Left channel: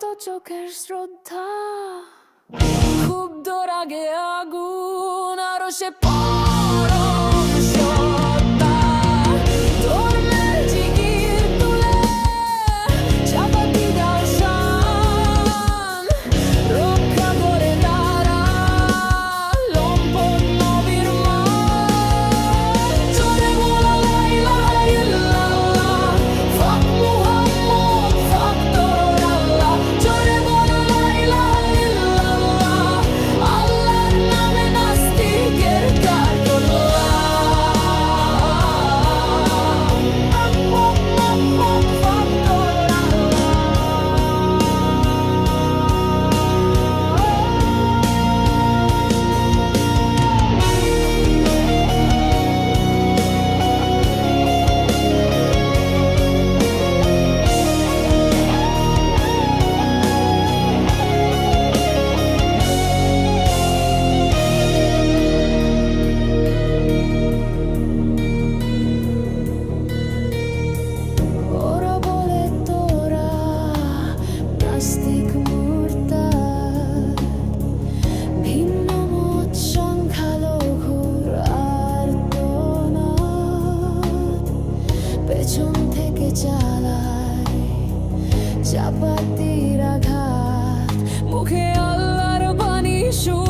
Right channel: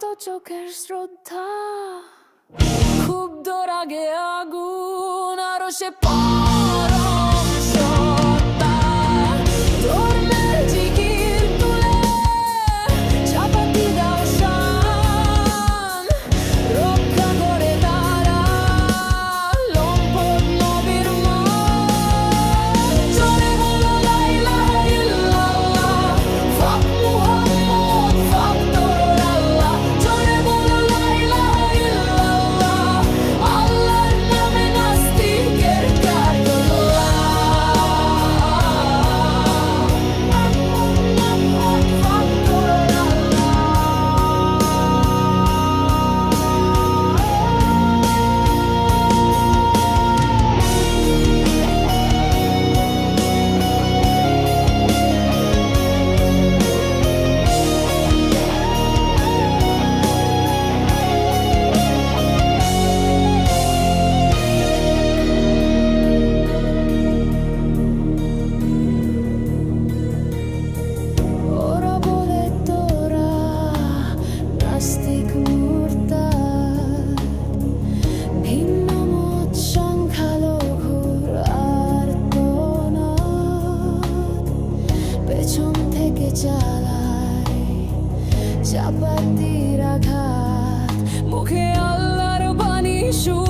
তো চোখের শ্রদ্ধা। ক্ষুব্ধ রাগে আগুন আরও সে পর নাস্তিক মূর্তার ভিন্ন মত সংখ্যালঘুর আর পেছন থেকে চালায় চাপাতির আঘাত। মুখে আল্লাহর বাণী শুন